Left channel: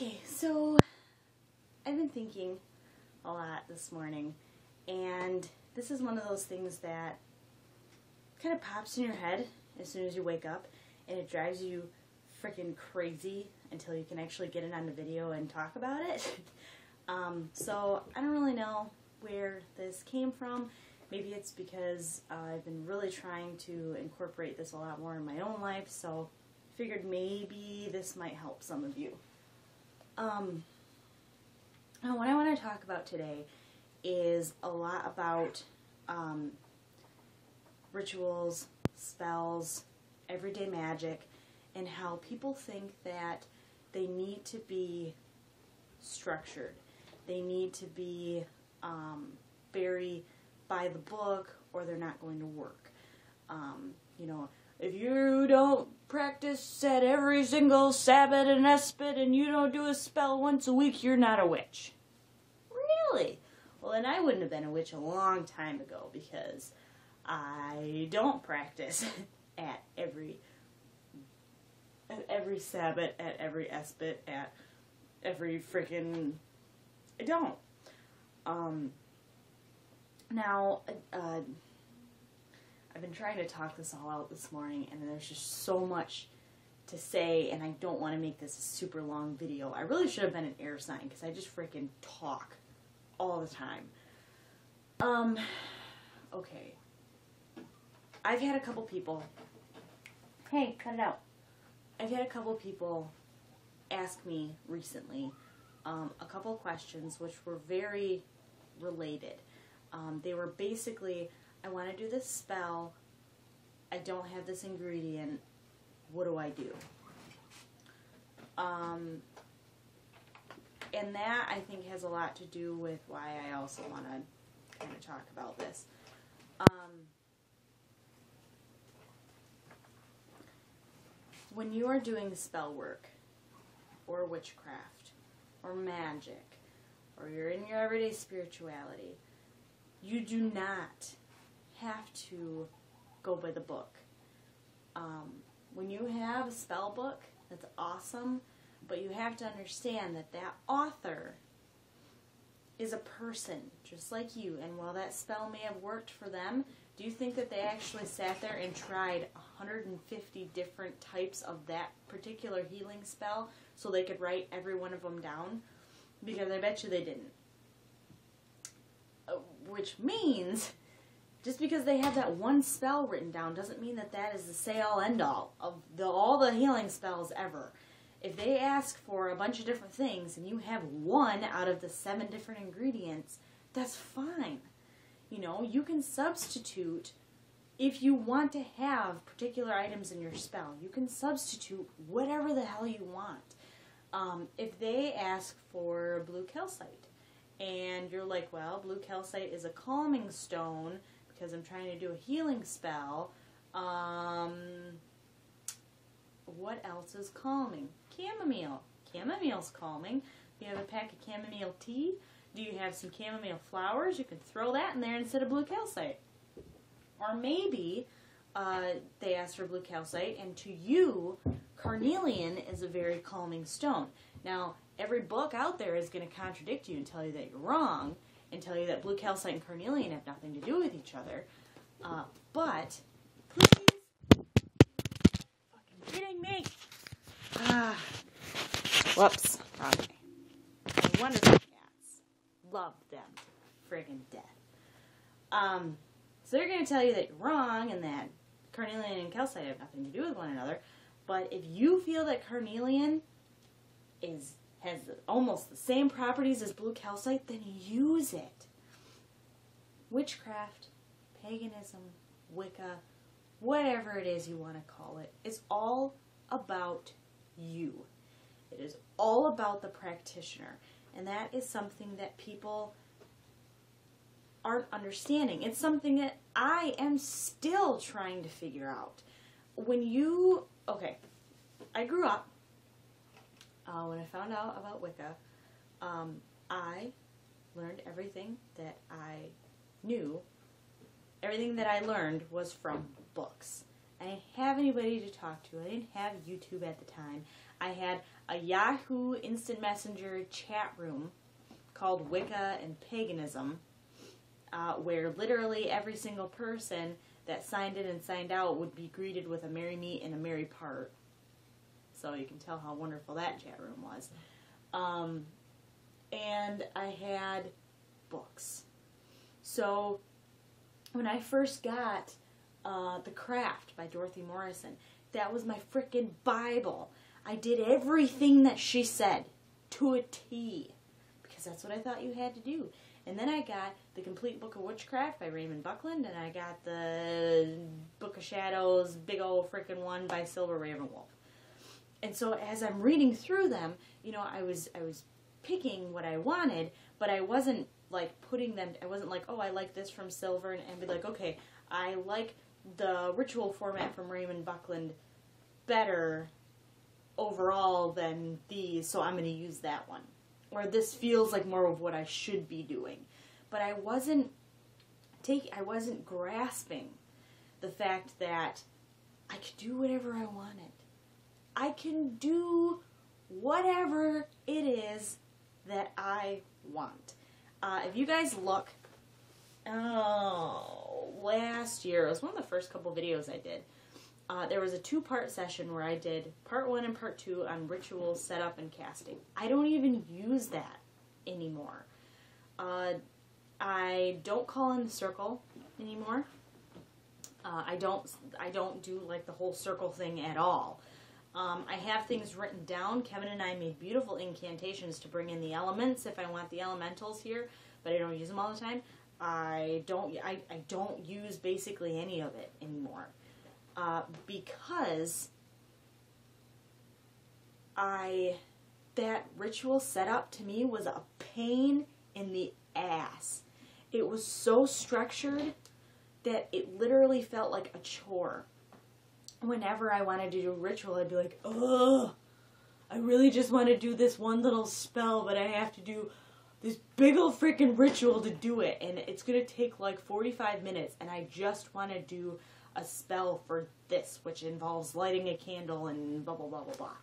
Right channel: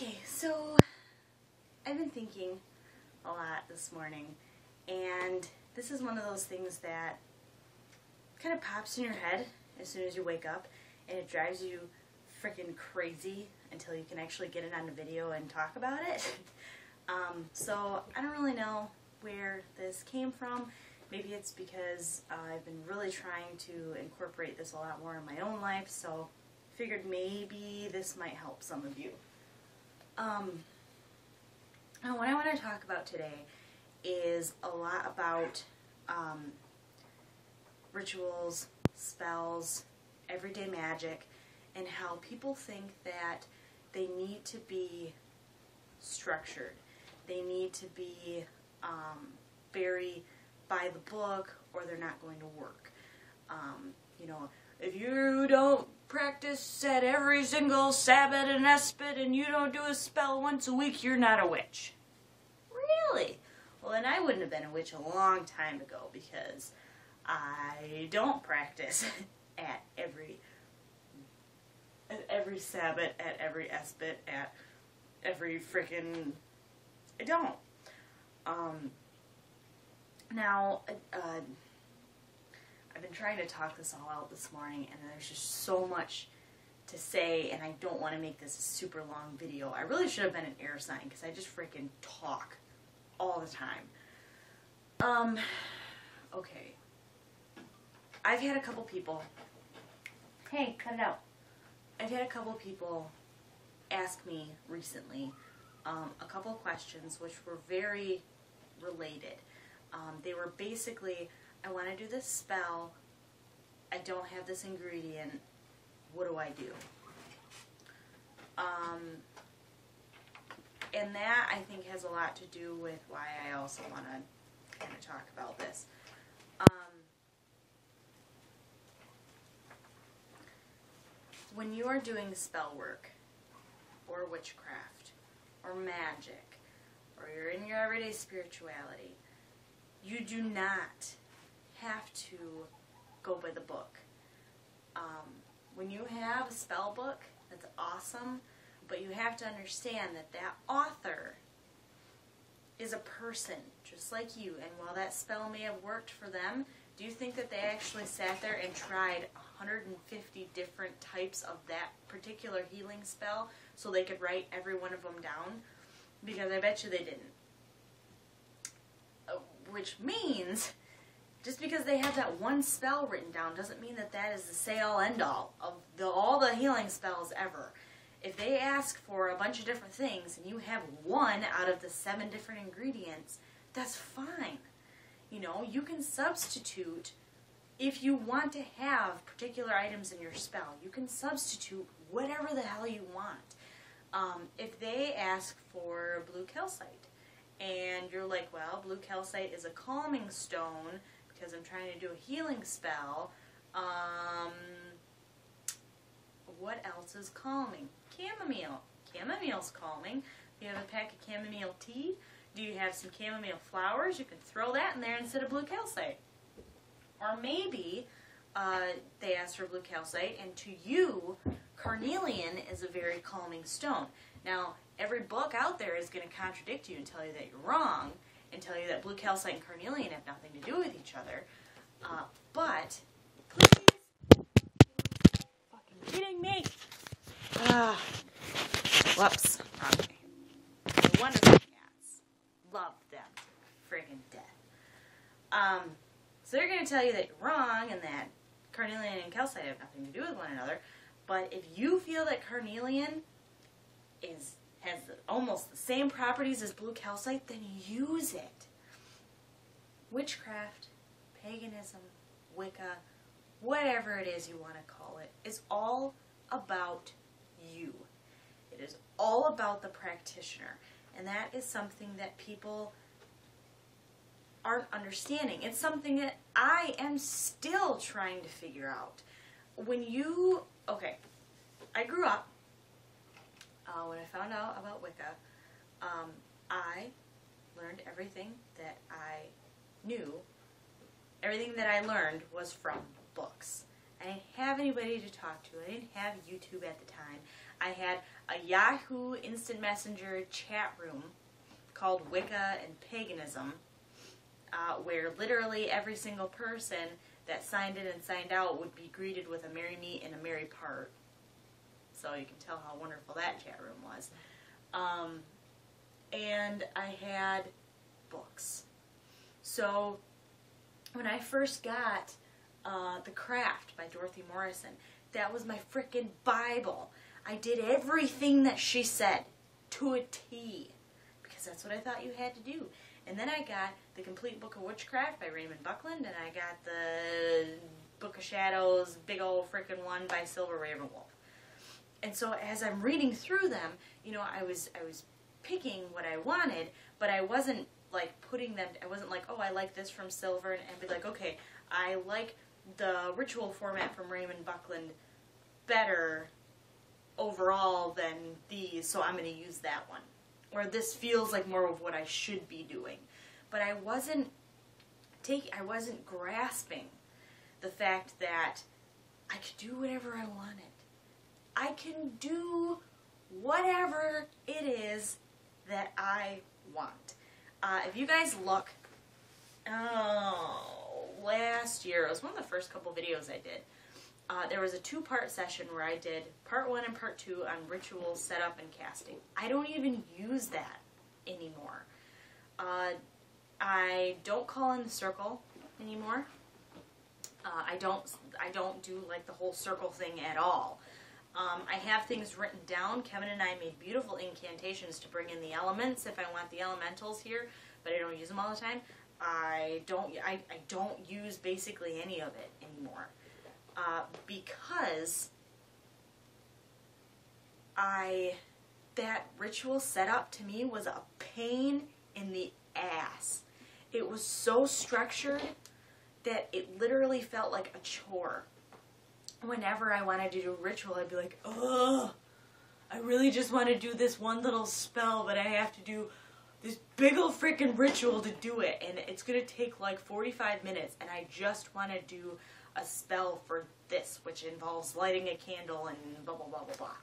Okay, so I've been thinking a lot this morning, and this is one of those things that kind of pops in your head as soon as you wake up, and it drives you freaking crazy until you can actually get it on the video and talk about it. So I don't really know where this came from. Maybe it's because I've been really trying to incorporate this a lot more in my own life, so I figured maybe this might help some of you. What I want to talk about today is a lot about rituals, spells, everyday magic, and how people think that they need to be structured. They need to be very by the book, or they're not going to work. You know, if you don't practice at every single Sabbath and Espit and you don't do a spell once a week, you're not a witch. Really? Well, then I wouldn't have been a witch a long time ago, because I don't practice at every Sabbath, at every Espit, at every freaking... I don't. Now, I've been trying to talk this all out this morning, and there's just so much to say, and I don't want to make this a super long video. I really should have been an air sign, because I just freaking talk all the time. Okay. I've had a couple people... Hey, cut it out. I've had a couple people ask me recently a couple questions which were very related. They were basically, I want to do this spell, I don't have this ingredient, what do I do? And that, I think, has a lot to do with why I also want to kind of talk about this. When you are doing spell work, or witchcraft, or magic, or you're in your everyday spirituality, you do not have to go by the book. When you have a spell book, that's awesome, but you have to understand that that author is a person, just like you, and while that spell may have worked for them, do you think that they actually sat there and tried 150 different types of that particular healing spell so they could write every one of them down? Because I bet you they didn't. Which means, just because they have that one spell written down doesn't mean that that is the say-all, end-all of all the healing spells ever. If they ask for a bunch of different things and you have one out of the 7 different ingredients, that's fine. You know, you can substitute, if you want to have particular items in your spell, you can substitute whatever the hell you want. If they ask for blue calcite, and you're like, well, blue calcite is a calming stone, because I'm trying to do a healing spell, what else is calming? Chamomile. Chamomile's calming. You have a pack of chamomile tea. Do you have some chamomile flowers? You can throw that in there instead of blue calcite. Or maybe they ask for blue calcite, and to you, carnelian is a very calming stone. Now, every book out there is going to contradict you and tell you that you're wrong, and tell you that blue calcite and carnelian have nothing to do with each other. But, please, fucking kidding me? Whoops, wrong way. My wonderful cats. Love them to friggin' death. So they're going to tell you that you're wrong, and that carnelian and calcite have nothing to do with one another. But if you feel that carnelian has almost the same properties as blue calcite, then use it. Witchcraft, paganism, Wicca, whatever it is you want to call it, is all about you. It is all about the practitioner. And that is something that people aren't understanding. It's something that I am still trying to figure out. Okay, I grew up, when I found out about Wicca, I learned everything that I knew. Everything that I learned was from books. I didn't have anybody to talk to. I didn't have YouTube at the time. I had a Yahoo Instant Messenger chat room called Wicca and Paganism, where literally every single person that signed in and signed out would be greeted with a merry meet and a merry part. So you can tell how wonderful that chat room was. And I had books. So when I first got The Craft by Dorothy Morrison, that was my frickin' Bible. I did everything that she said to a T, because that's what I thought you had to do. And then I got The Complete Book of Witchcraft by Raymond Buckland, and I got the Book of Shadows, big old frickin' one by Silver Ravenwolf. And so as I'm reading through them, you know, I was picking what I wanted, but I wasn't like putting them, I wasn't like, oh, I like this from Silver, and be like, okay, I like the ritual format from Raymond Buckland better overall than these, so I'm going to use that one. Or this feels like more of what I should be doing. But I wasn't grasping the fact that I could do whatever I wanted. I can do whatever it is that I want. If you guys look, last year, it was one of the first couple videos I did. There was a 2-part session where I did part 1 and part 2 on ritual setup and casting. I don't even use that anymore. I don't call in the circle anymore. I don't do like the whole circle thing at all. I have things written down. Kevin and I made beautiful incantations to bring in the elements if I want the elementals here, but I don't use them all the time. I don't use basically any of it anymore. Because that ritual setup to me was a pain in the ass. It was so structured that it literally felt like a chore. Whenever I wanted to do a ritual, I'd be like, ugh, I really just want to do this one little spell, but I have to do this big old freaking ritual to do it, and it's going to take like 45 minutes, and I just want to do a spell for this, which involves lighting a candle and blah, blah, blah, blah, blah.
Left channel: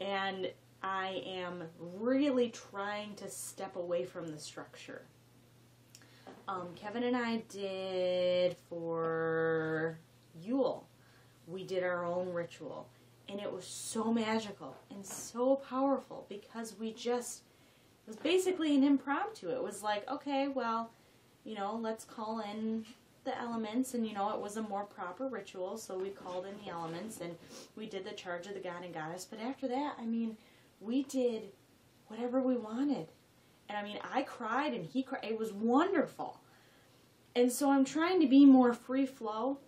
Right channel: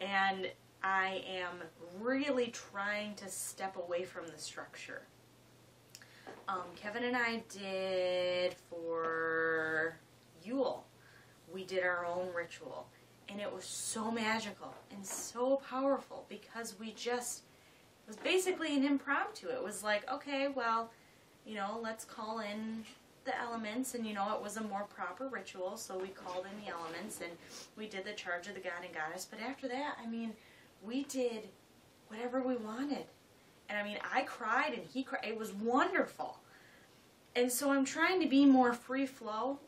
And I am really trying to step away from the structure. Kevin and I did for Yule, we did our own ritual, and it was so magical and so powerful because it was basically an impromptu. It was like, okay, well, you know, let's call in the elements, and you know, it was a more proper ritual, so we called in the elements, and we did the charge of the god and goddess, but after that, I mean, we did whatever we wanted, and I mean, I cried, and he cried, it was wonderful, and so I'm trying to be more free flow,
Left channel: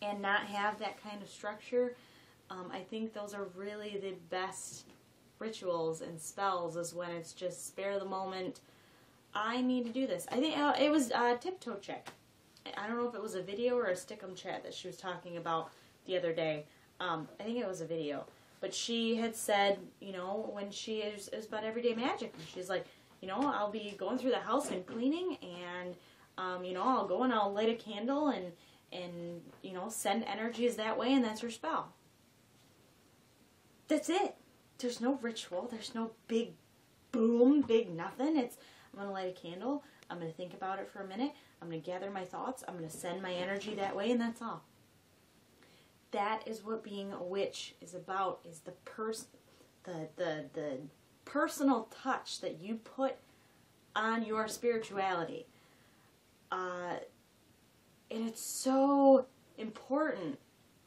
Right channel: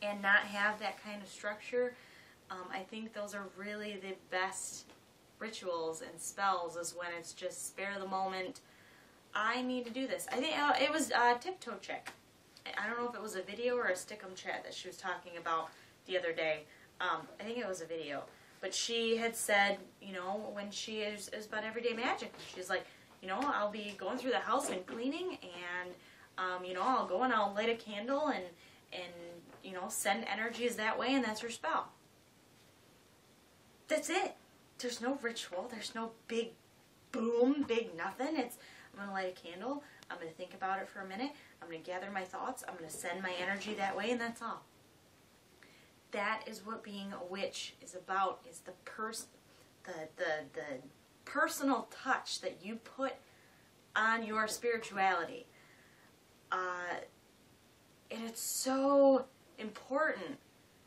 and not have that kind of structure. I think those are really the best rituals and spells, is when it's just spare the moment, I need to do this. I think it was Tiptoe Chick. I don't know if it was a video or a Stickum chat that she was talking about the other day. I think it was a video. But she had said, you know, when she is about everyday magic. And she's like, you know, I'll be going through the house and cleaning, and, you know, I'll go and I'll light a candle and, you know, send energies that way, and that's her spell. That's it. There's no ritual. There's no big boom, big nothing. It's, I'm going to light a candle. I'm going to think about it for a minute. I'm going to gather my thoughts. I'm going to send my energy that way, and that's all. That is what being a witch is about, is the personal touch that you put on your spirituality. And it's so important.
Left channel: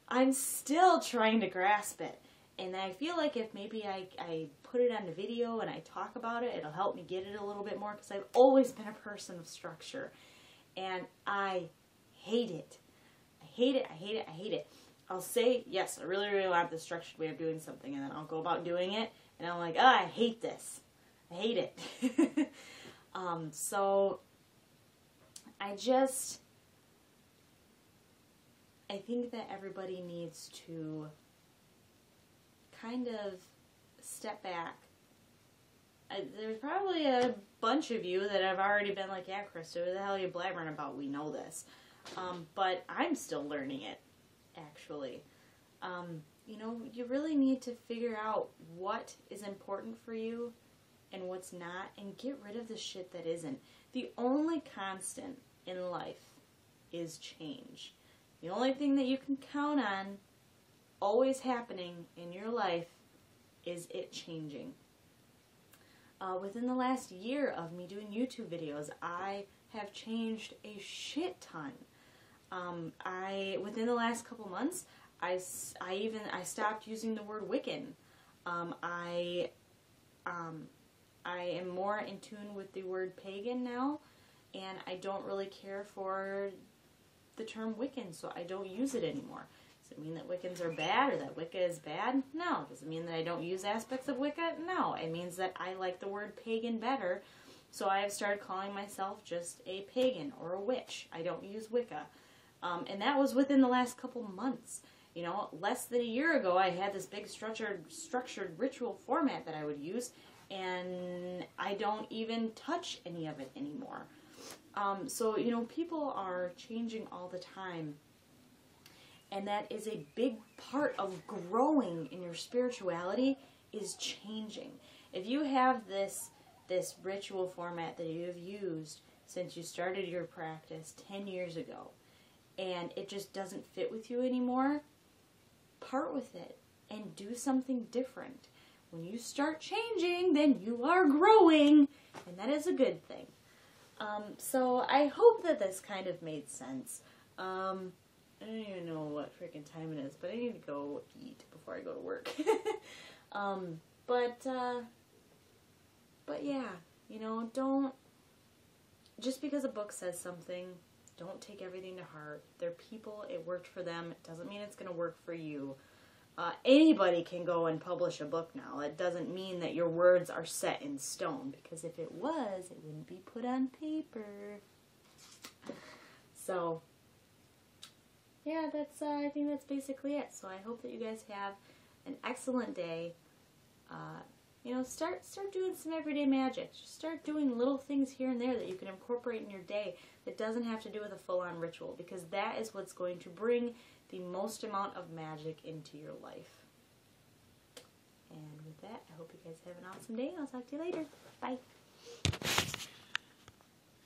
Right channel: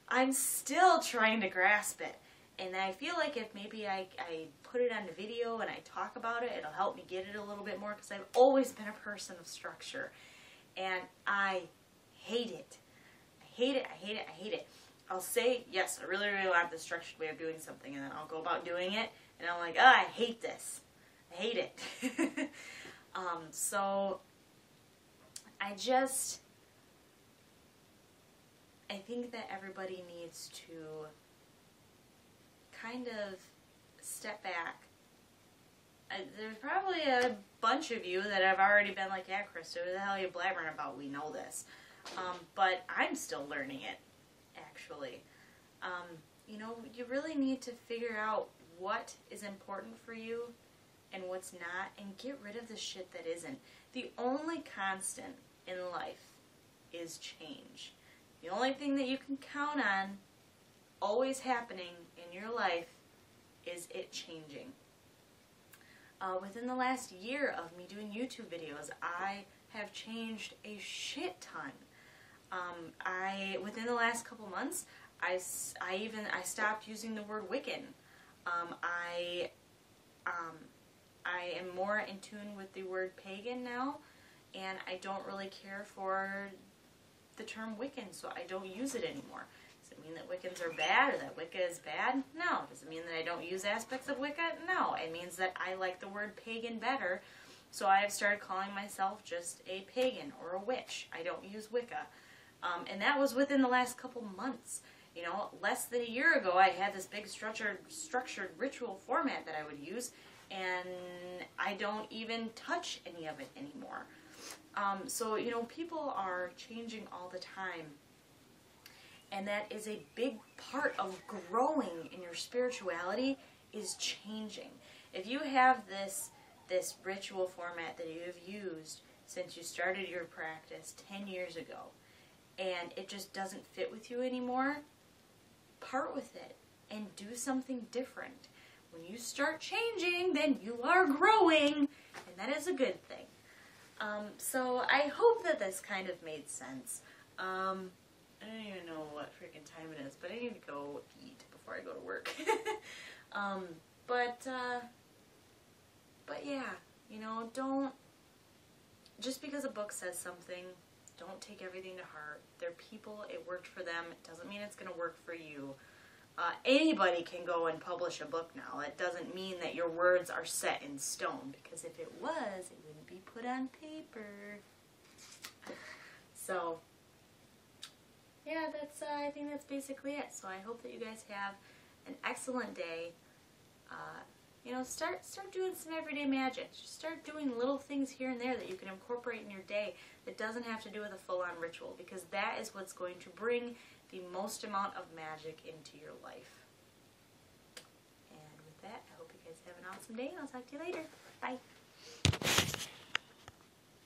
I'm still trying to grasp it. And I feel like if maybe I put it on the video and I talk about it, it'll help me get it a little bit more, because I've always been a person of structure. And I hate it. I hate it, I hate it, I hate it. I'll say, yes, I really, really want this structured way of doing something, and then I'll go about doing it, and I'm like, oh, I hate this. I hate it. So, I think that everybody needs to kind of step back. There's probably a bunch of you that have already been like, yeah, Krista, what the hell are you blabbering about? We know this. but I'm still learning it, actually. You know, you really need to figure out what is important for you and what's not, and get rid of the shit that isn't. The only constant in life is change. The only thing that you can count on always happening in your life is it changing. Within the last year of me doing YouTube videos, I have changed a shit ton. Within the last couple months, I stopped using the word Wiccan. I am more in tune with the word pagan now, and I don't really care for the term Wiccan, so I don't use it anymore. Does it mean that Wiccans are bad or that Wicca is bad? No. Does it mean that I don't use aspects of Wicca? No. It means that I like the word pagan better, so I have started calling myself just a pagan or a witch. I don't use Wicca. And that was within the last couple months. You know, less than a year ago, I had this big structured ritual format that I would use, and I don't even touch any of it anymore. So, you know, people are changing all the time, and that is a big part of growing in your spirituality, is changing. If you have this ritual format that you have used since you started your practice 10 years ago, and it just doesn't fit with you anymore, part with it and do something different. When you start changing, then you are growing, and that is a good thing. So I hope that this kind of made sense. I don't even know what freaking time it is, but I need to go eat before I go to work. But yeah, you know, don't, just because a book says something, don't take everything to heart. They're people, it worked for them, it doesn't mean it's going to work for you. Anybody can go and publish a book now. It doesn't mean that your words are set in stone, because if it was, it wouldn't be put on paper. So, yeah, I think that's basically it. So I hope that you guys have an excellent day. You know, start doing some everyday magic. Just start doing little things here and there that you can incorporate in your day that doesn't have to do with a full-on ritual, because that is what's going to bring the most amount of magic into your life. And with that, I hope you guys have an awesome day, and I'll talk to you later. Bye.